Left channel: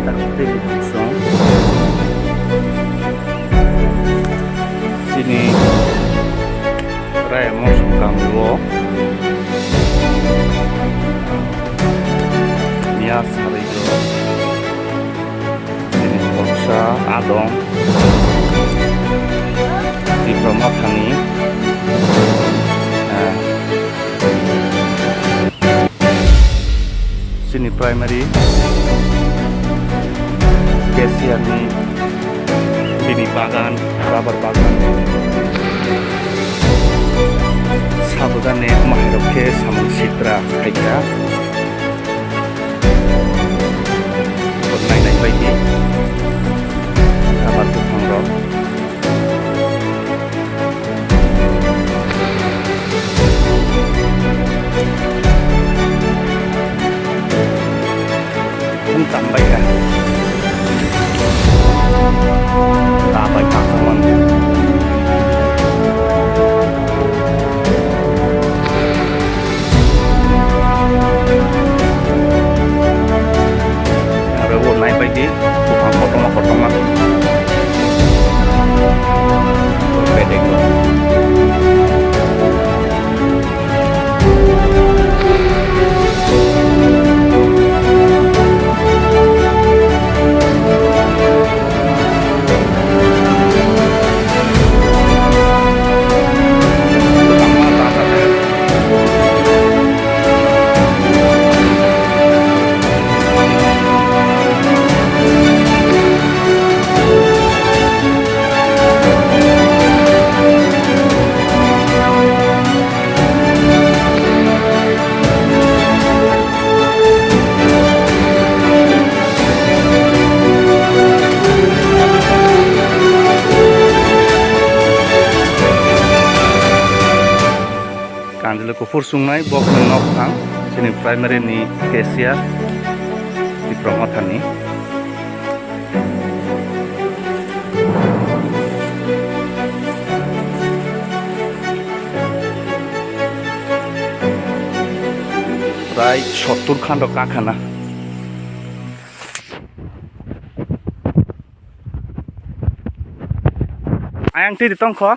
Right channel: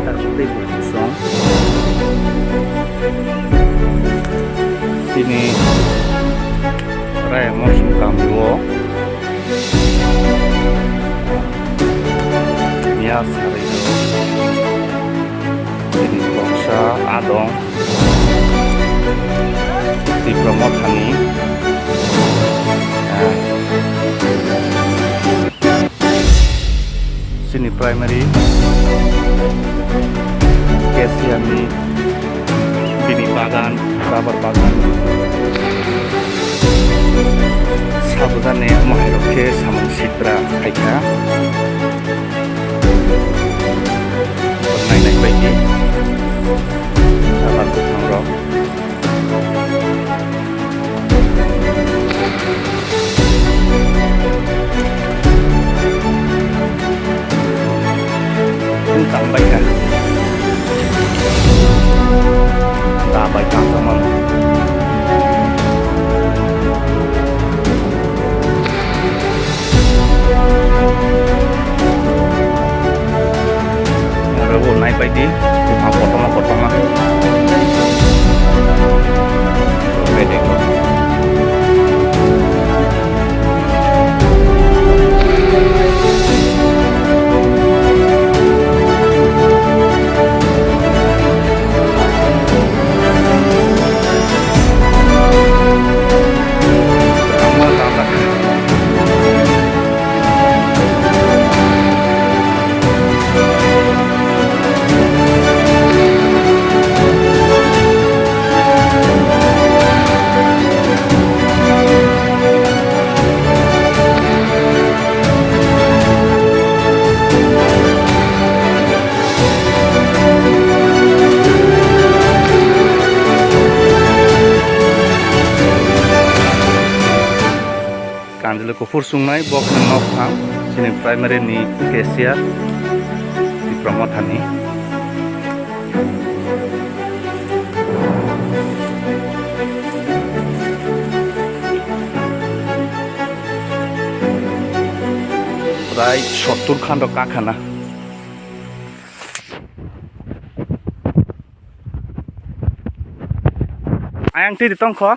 takte buksong sini raya mosum kamiwo Nia Sarido sini bangsa adong di Promothani sini primary Kesiani bini bagan rubber bagan sabujane mahiroke samung sitra kaika nainai baidi rubber bufang rok tambay ka tambay ka teman yang rewo naik baik di bukan potong bedek loh Kanjelo kufur sungai bok nok phang sini primary ni Kesia di Promothani prai 70 khando kakhana ayang ti ditong kho